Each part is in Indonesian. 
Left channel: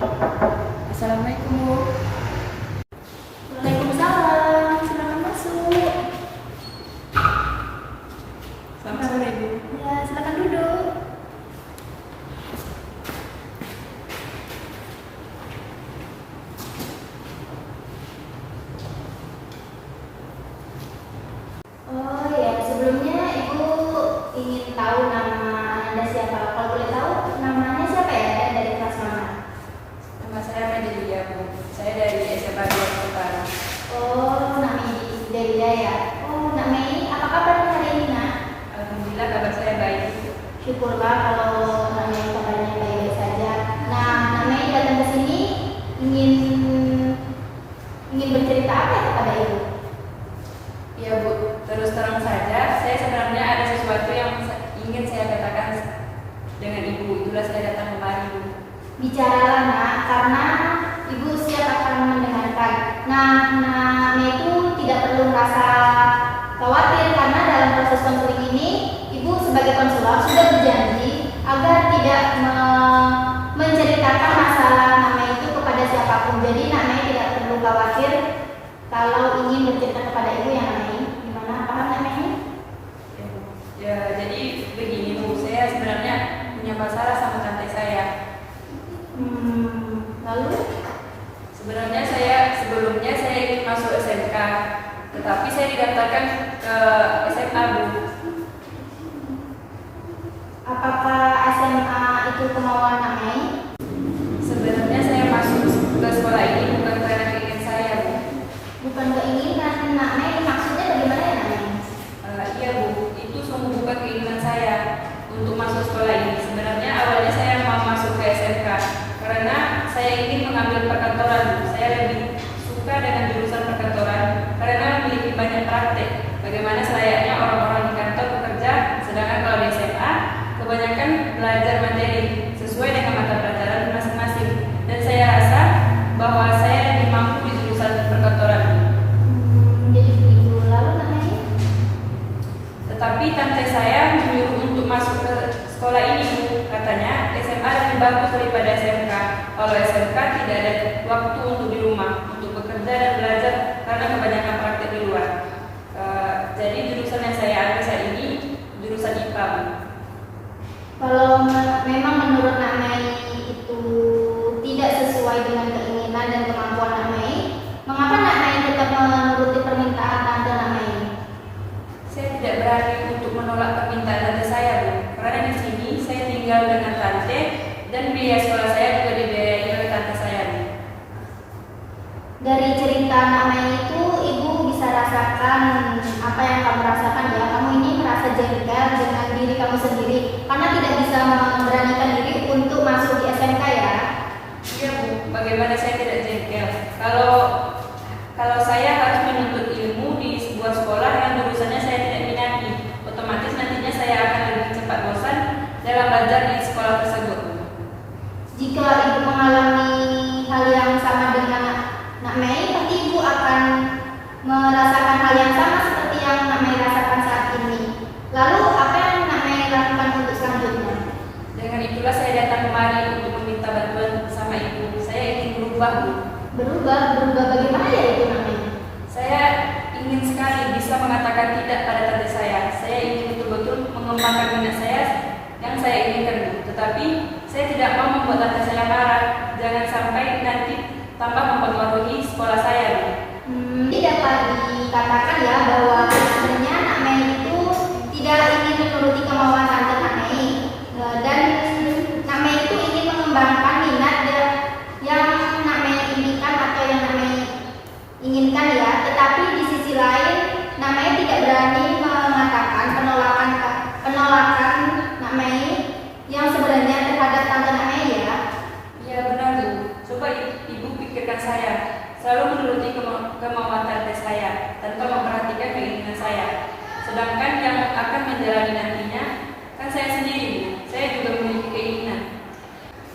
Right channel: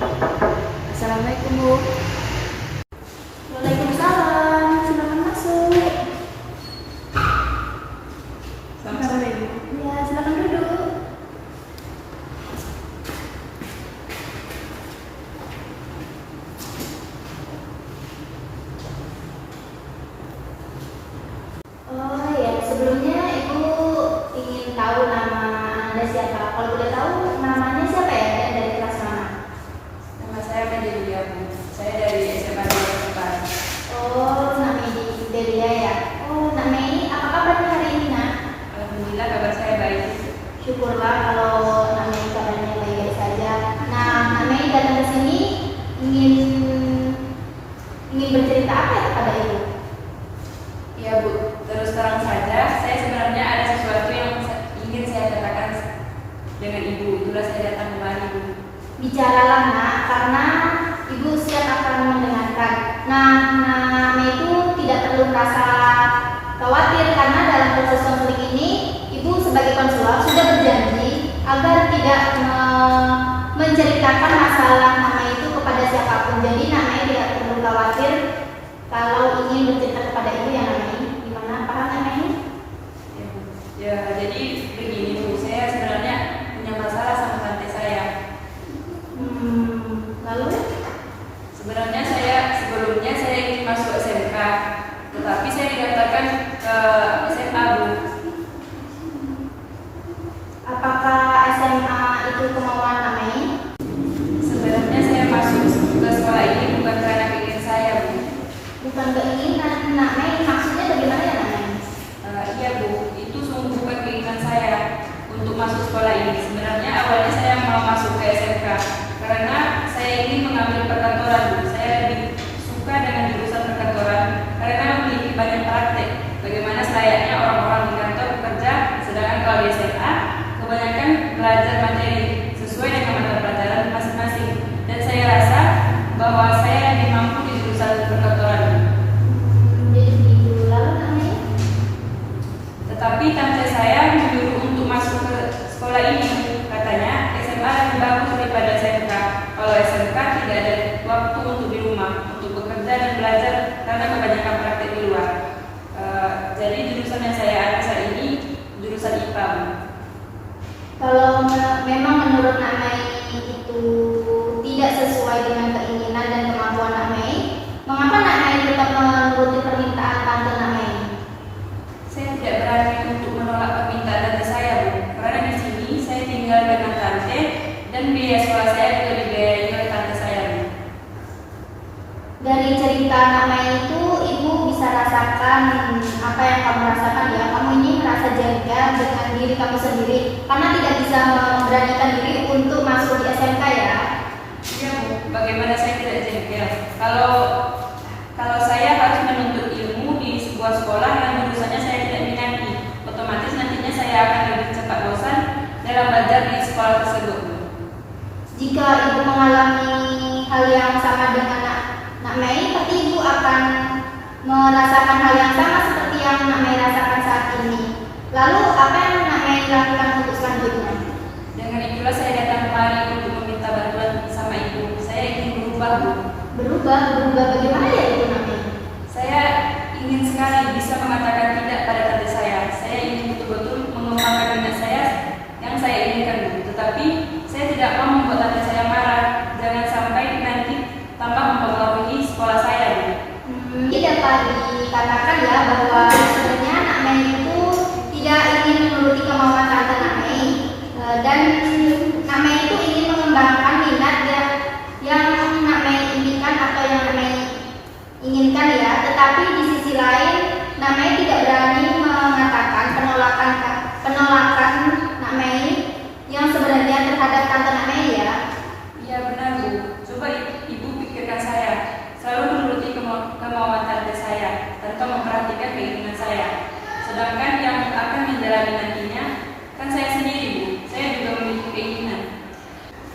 Assalamualaikum, Bu. Waalaikumsalam. Silakan masuk. Selamat sore, Bu. Ya, silakan duduk. Oh ya, sebelumnya Ibu ingin tahu nama Anda siapa? Kalau boleh tahu namanya siapa ya dan dari kelas mana? Nama saya Medelia, Bu. Saya dari SMA 2 Kota. Oh, namanya Delia ya. Oh, Nak Mei, apa kabar hari ini, Nak? Alhamdulillah kabar saya baik. Syukurlah kalau Nak Mei kabarnya baik-baik saja. Nah, Nak Mei datang ke sini ingin bercerita apa ya kepada Ibu? Iya, Bu. Terus terang saja, saya sebenarnya ada sesuatu yang ingin saya katakan dengan Ibu. Itulah saya datang kemari, Bu. Bicaralah, Nak, karena Ibu siap akan mendengarkan. Nah, Nak Mei itu tidak perlu merasa khawatir karena dalam proses konseling ini Ibu sebagai konselor sudah berjanji agar tidak menceritakan masalah Nak Mei itu kepada siapapun. Jadi Nak Mei tidak perlu khawatir kalau ingin bercerita kepada Ibu yang Nak Mei. Gimana, paham Nak Mei? Ya, Bu. Ya, jadi begini, Bu. Saya sebenarnya punya masalah sama tante saya. Lalu? Sebenarnya sebelumnya saya ingin masuk SMK, tetapi saya didaftarkan ke SMA, Bu. Apakah SMA itu kemauan Nak Mei? Sebenarnya saya masuk ke sekolah ini bukan karena keinginan saya, Bu. Bukan keinginan Nak Mei, maksudnya bagaimana ya Nak Mei? Iya, Bu, itu sungguh bukan keinginan saya untuk masuk sekolah ini. Sebenarnya awalnya saya mau masuk ke SMK karena saya ingin mengambil perkantoran, Bu. Saya lebih suka dengan jurusan perkantoran karena memiliki banyak praktek. Bagaimana selayaknya orang-orang di kantor bekerja, sedangkan kalau di SMA kebanyakan belajar materi sesuai dengan mata pelajaran masing-masing. Dan saya rasa bahwa saya lebih mampu di jurusan perkantoran. Jadi begitu. Lalu Nak Mei? Tetapi tante saya menyuruh untuk masuk ke sekolah ini. Katanya SMA lebih bagus daripada SMK. Kalau SMK tidak ada waktu untuk di rumah, untuk bekerja dan belajar karena kebanyakan praktik di luar. Jadi jurusan yang saya ambil saat ini jurusan IPA, Bu. Kalau memang menurut Nak Mei itu tidak sesuai dengan keinginan dan kemampuan Nak Mei, mengapa Nak Mei tetap menuruti permintaan tante Nak Mei? Saya tidak berani untuk menolak permintaan tante saya, Bu. Karena di sini saya tinggal dengan tante dan biaya sekolah saya juga dibiayai oleh tante saya, Bu. Dari cerita Nak Mei itu Ibu bisa rasakan apa yang kamu rasakan ya. Kamu ini merasa jengkel dengan diri kamu sendiri karena tidak bisa memberanikan diri untuk masuk di SMK ya. Iya, Bu. Bagaimana saya tidak jengkel? Kalau saya harus menuntut ilmu di sebuah sekolah yang jurusannya saya tidak minati, otomatis nantinya saya akan lebih cepat bosan dalam belajar di sekolah tersebut, Bu. Jika Ibu mengalami hal yang sama dengan Nak Mei, pasti Ibu akan merasakan hal yang sama seperti yang Nak Mei rasakan saat ini. Lalu apa yang Nak Mei lakukan untuk selanjutnya? Dengan itulah saya datang kemari untuk meminta bantuan sama Ibu. Saya ingin berubah, Bu. Berubah bagaimana ya itu Nak Mei? Saya ingin sekali bisa mengatakan tidak pada tante saya. Saya ingin betul-betul mengembangkan minat saya yang saya inginkan, Bu. Tetapi saya tidak mau membuat tante saya marah. Jangan sampai nanti tambah mempengaruhi sekolah saya, Bu. Jadi dapat dikatakan ya bahwa sebenarnya Nak Mei itu tidak ingin menuruti kemauan tante Nak Mei, dan Nak Mei itu ingin mengembangkan minat yang Nak Mei inginkan atau yang Nak Mei inginkan ya. Tetapi di sisi lain Nak Mei tidak berani mengatakan penolakan Nak Mei yang sebenarnya terhadap tante Nak Mei ya. Iya, benar, Bu. Coba Ibu pikirkan saya. Selalu menuruti kemauan tante saya tanpa memperhatikan keinginan saya. Sedangkan yang akan menjalani nantinya kan saya sendiri, Bu. Saya juga memiliki keinginan.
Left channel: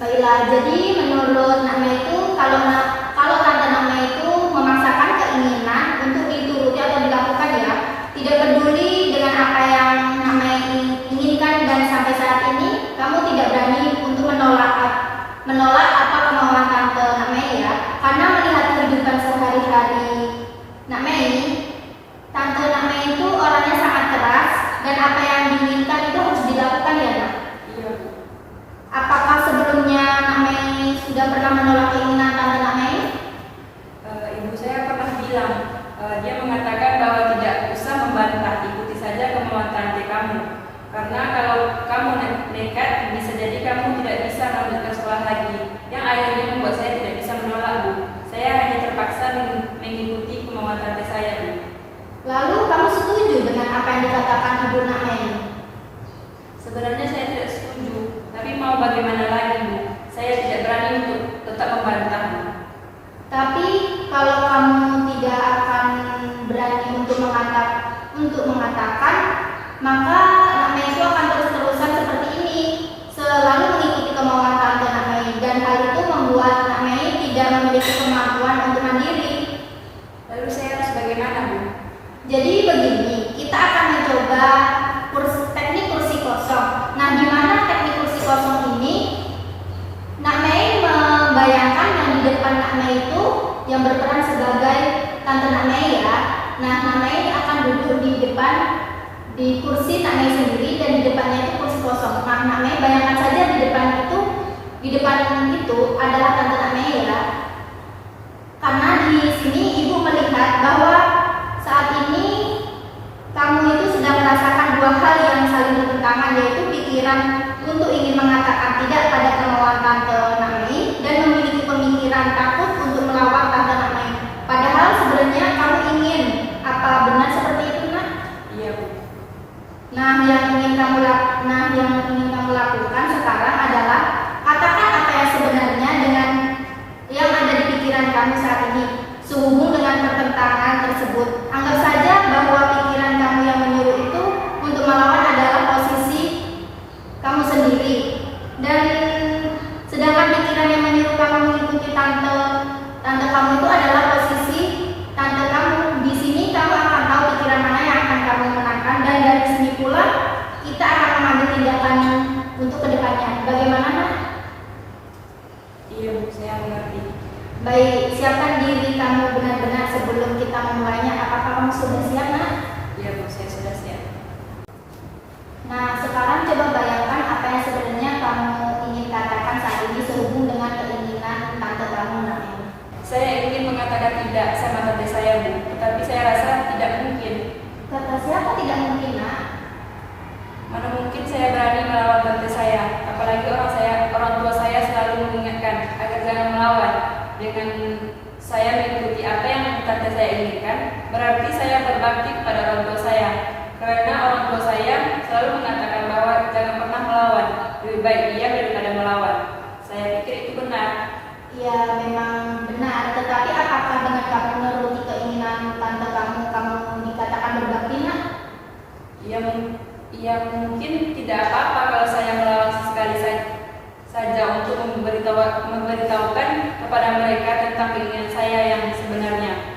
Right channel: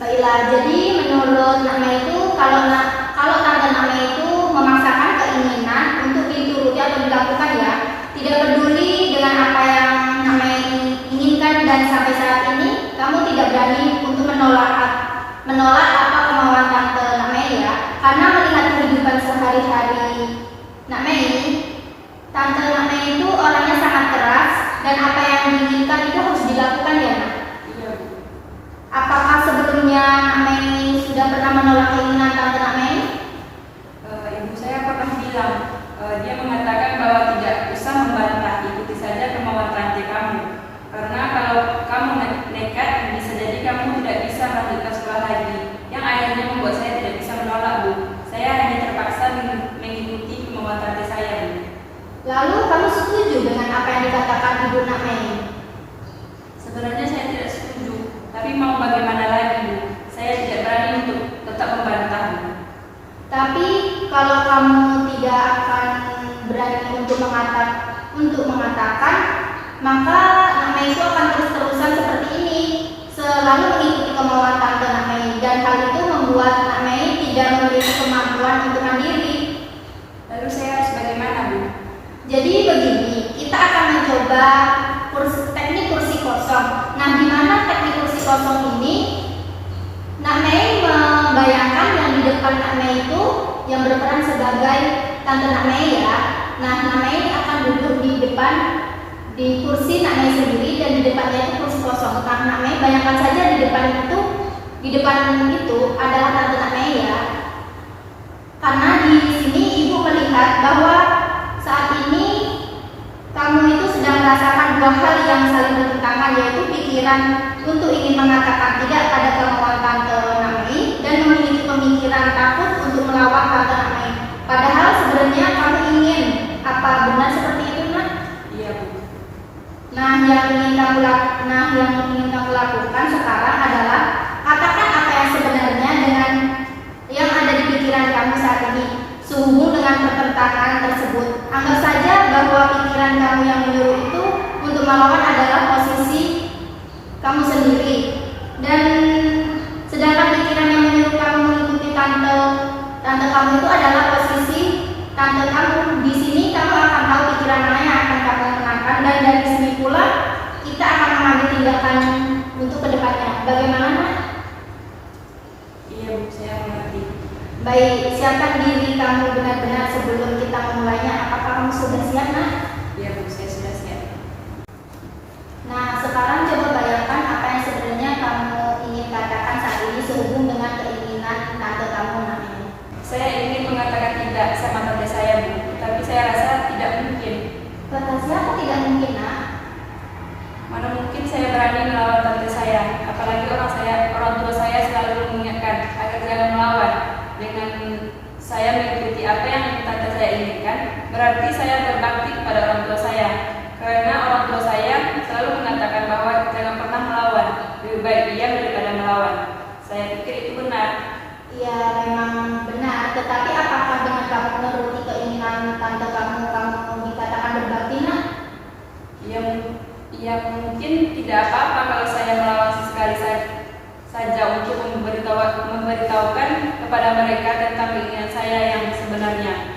Baiklah, jadi menurut Nak Mei itu kalau tante Nak Mei itu memaksakan keinginan untuk dituruti atau dilakukan ya, tidak peduli dengan apa yang Nak Mei inginkan dan sampai saat ini kamu tidak berani untuk menolak menolak apa kemauan tante Nak Mei ya, karena melihat kehidupan sehari-hari Nak Mei, tante Nak Mei itu orangnya sangat keras dan apa yang diinginkan itu harus dilakukan ya Nak. Iya Bu. Apakah sebelumnya Nak Mei sudah pernah menolak keinginan tante Nak Mei? Ibu saya pernah bilang, dia mengatakan bahwa tidak usah membantah, ikuti saja kemauan tante kamu. Karena kalau kamu nekat, bisa jadi kamu tidak bisa melanjutkan sekolah lagi. Yang akhirnya membuat saya tidak bisa menolak Bu. Saya hanya terpaksa mengikuti kemauan tante saya Bu. Lalu kamu setuju dengan apa yang dikatakan Ibu Nak Mei? Sebenarnya saya tidak setuju, tapi mau bagaimana lagi Bu? Saya tidak berani untuk tetap membantah Bu. Tapi kalau kamu tidak akan berani untuk mengatakan, maka Nak Mei itu akan terus-terusan seperti ini, selalu mengikuti kemauan tante Nak Mei, dan hal itu membuat Nak Mei tidak memiliki kemampuan untuk mandiri. Lalu saya harus bagaimana Bu? Jadi begini, kita akan mencoba teknik kursi kosong. Nah, di mana teknik kursi kosong ini, Nak Mei membayangkan yang di depan Nak Mei itu yang berperan sebagai tante Nak Mei ya. Nah, Nak Mei akan duduk di kursi Nak Mei sendiri dan di depannya itu kursi kosong. Nah, Nak Mei bayangkan saja di depan itu adalah tante Nak Mei ya. Karena di sini ibu melihat bahwa saat ini kamu itu sedang merasakan dua hal yang saling bertentangan, yaitu pikiran untuk ingin mengatakan tidak pada kemauan tante Nak Mei dan memiliki pemikiran takut untuk melawan tante Nak Mei. Padahal sebenarnya kamu ingin apa benar seperti itu Nak? Iya Bu. Nah, yang ingin kamu lakukan sekarang adalah katakan apa yang sebenarnya dengan yang ada di pikiran kamu saat ini. Sehubung dengan pertentangan tersebut, anggap saja bahwa pikiran kamu yang menyuruh itu untuk melawan adalah posisi kamu sendiri, dan sedangkan pikiran yang menyuruh kamu mengikuti tante kamu itu adalah posisi tante kamu. Di sini kamu akan tahu pikiran mana yang akan kamu menangkan, dan dari sini pula kita akan mengambil tindakan untuk kedepannya. Bagaimana Nak? Iya Bu, saya mengerti. Baik, siapkan diri kamu benar-benar sebelum kita memulainya. Apakah kamu sudah siap Nak? Iya Bu, saya sudah siap. Nah, sekarang coba bayangkan apa yang sebenarnya kamu ingin katakan saat ini sehubung dengan keinginan tante kamu Nak Mei. Saya ingin mengatakan tidak sama tante saya Bu, tetapi saya rasa tidak mungkin. Kata siapa tidak mungkin Nak? Mana mungkin saya berani melawan tante saya, apalagi orang tua saya selalu mengingatkan agar jangan melawan. Dengan saya mengikuti apa yang tante saya inginkan, berarti saya berbakti kepada orang tua saya. Karena orang tua saya selalu mengatakan bahwa jangan pernah melawan, lebih baik diam daripada melawan. Saya pikir itu benar. Ya, memang benar. Tetapi apakah dengan kamu menuruti keinginan tante kamu dikatakan berbakti Nak? Ya mungkin tidak apa-apa kalau saya melawan sesekali saja untuk memberitahukan kepada mereka tentang keinginan saya yang sebenarnya.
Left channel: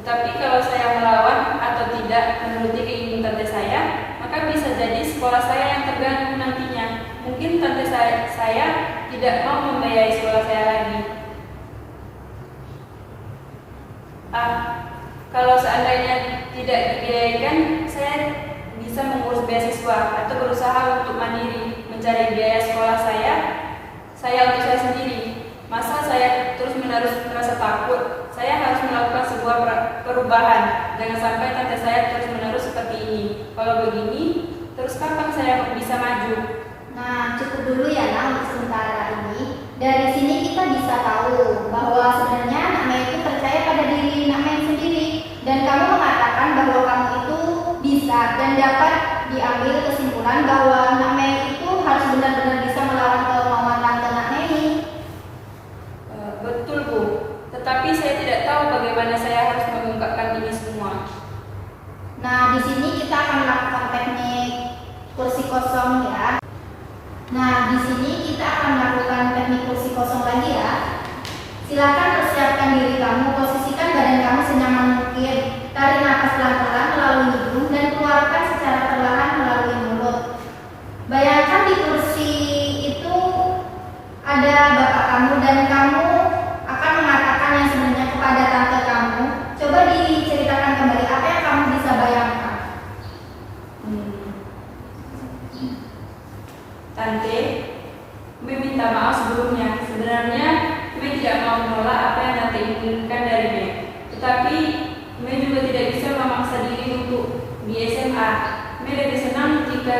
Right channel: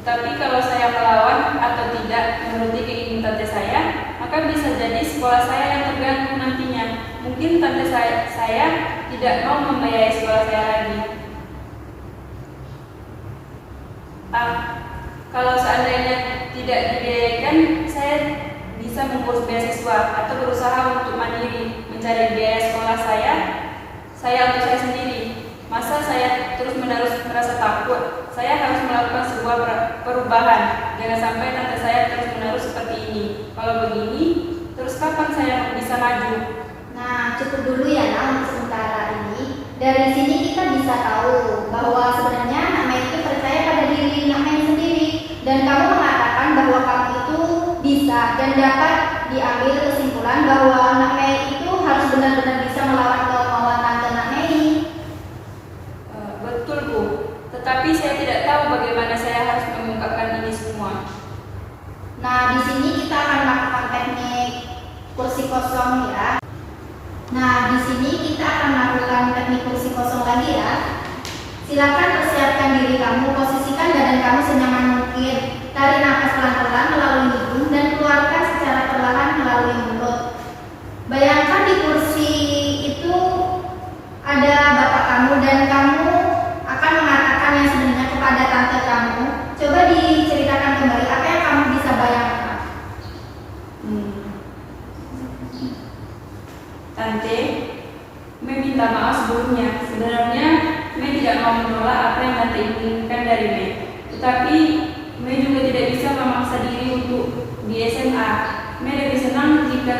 Tetapi kalau saya melawan atau tidak menuruti keinginan tante saya, maka bisa jadi sekolah saya yang terganggu nantinya. Mungkin tante saya tidak mau membiayai sekolah saya lagi. Kalau seandainya tidak dibiayaikan, saya bisa mengurus beasiswa atau berusaha untuk mandiri mencari biaya sekolah saya untuk saya sendiri. Masa saya terus-menerus merasa takut? Saya harus melakukan sebuah perubahan. Jangan sampai tante saya terus-menerus seperti ini. Kalau begini, terus kapan saya bisa maju? Nah, cukup dulu ya Nak untuk sementara ini. Dari sini kita bisa tahu bahwa sebenarnya Nak Mei itu percaya pada diri Nak Mei sendiri, dan kamu mengatakan bahwa kamu itu bisa dan dapat diambil kesimpulan bahwa Nak Mei itu harus benar-benar bisa melawan kemauan tante Nak Mei. Betul Bu, tetapi saya tidak tahu bagaimana saya harus mengungkapkan ini semua. Nah, di sini kita akan melakukan teknik kursi kosong ya. Nah, di sini kita akan melakukan teknik kursi kosong lagi ya. Silakan persiapkan diri kamu, posisikan badan kamu senyaman mungkin. Tarik nafas pelan-pelan melalui hidung dan keluarkan secara perlahan melalui mulut. Bayangkan di kursi itu ada bapak kamu dan kamu akan mengatakan yang sebenarnya kepada tante kamu. Coba diceritakan kembali apa yang kamu bisa bayangkan. Tante, Mei minta maaf sebelumnya. Sebenarnya Mei tidak mau menolak apa yang tante inginkan dari Mei. Tetapi Mei juga tidak bisa memaksa diri untuk di SMA. Mei lebih senang jika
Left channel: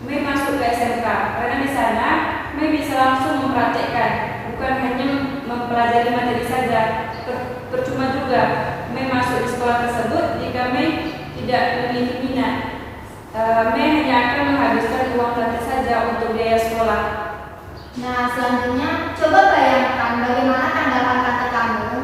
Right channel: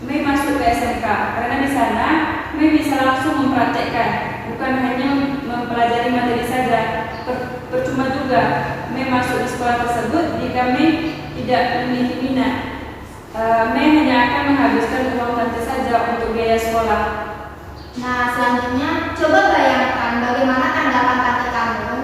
Mei masuk ke SMK karena di sana Mei bisa langsung mempraktekkan, bukan hanya mempelajari materi saja. Percuma juga Mei masuk di sekolah tersebut jika Mei tidak memiliki minat. Mei hanya akan menghabiskan uang tante saja untuk biaya sekolah. Nah, selanjutnya coba bayangkan bagaimana tanggapan tante kamu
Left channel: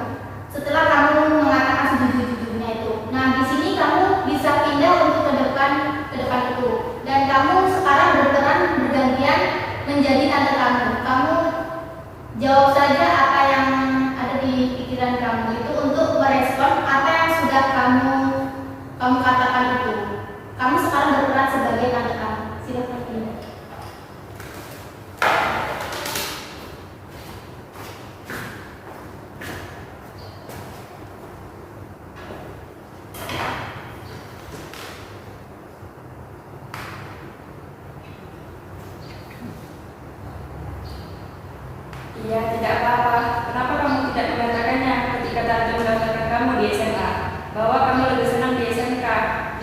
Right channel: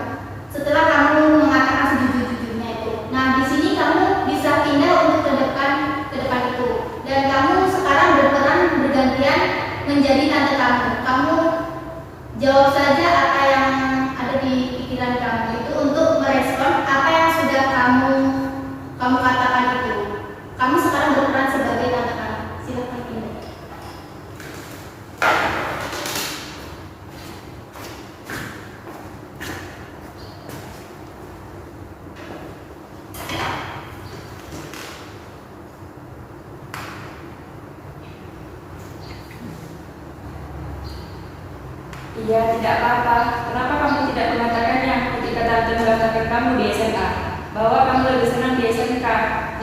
setelah kamu mengatakan sejujur-jujurnya itu. Nah, di sini kamu bisa pindah untuk ke depan itu. Dan kamu sekarang berperan bergantian menjadi tante kamu. Kamu jawab saja apa yang ada di pikiran kamu itu untuk merespon apa yang sudah kamu katakan itu. Kamu sekarang berperan sebagai tante kamu. Silakan pindah. Iya, tidak apa-apa. Kenapa kamu tidak mengatakannya ketika tante mendaftarkan kamu di SMA? Bahwa kamu lebih senang di SMK.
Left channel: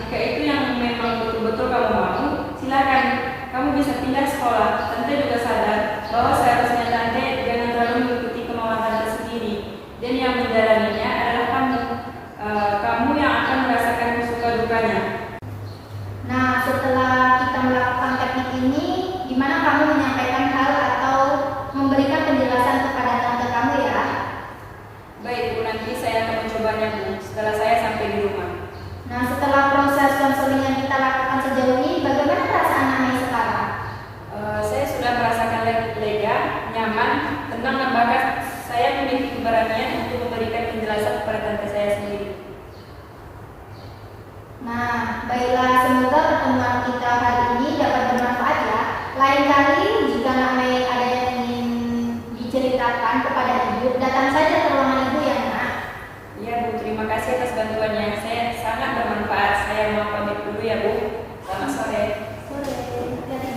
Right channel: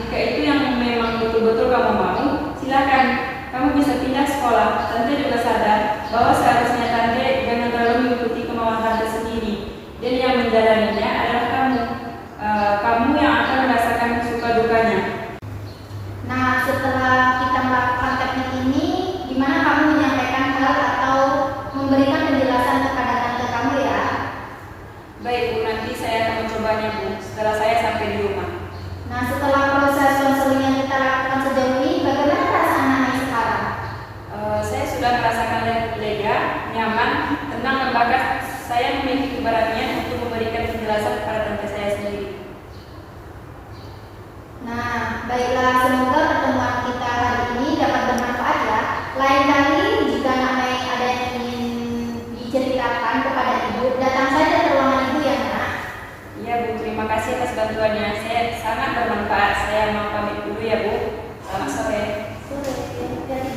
Jika itu yang memang betul-betul kamu mau, silakan. Kamu bisa pindah sekolah. Tante juga sadar bahwa seharusnya tante jangan terlalu mengikuti kemauan tante sendiri. Dan yang menjalaninya adalah kamu. Kamu yang akan merasakan suka dukanya. Nah, setelah kita melakukan teknik ini, gimana kamu menyampaikan hal atau memberikan penjelasan kepada tante kamu ya? Baik Bu, nanti saya akan mencobanya Bu, setelah saya sampai di rumah. Nah, setelah proses konseling yang kita lakukan sejauh ini, bagaimana perasaan Nai sekarang? Saya sudah merasakan lega, nyaman, tenang dan bahkan saya memiliki keberanian untuk memberikan penjelasan kepada tante saya sendiri. Nah, baiklah, semoga pertemuan kita hari ini dapat bermanfaat ya. Lain kali jika Nai ada yang ingin diceritakan kepada ibu, datang saja ke ruangan ibu ya Nak. Iya Bu, terima kasih atas bantuannya. Saya sangat bermanfaat. Saya mau pamit dulu ya Bu. Selamat sore. Sore.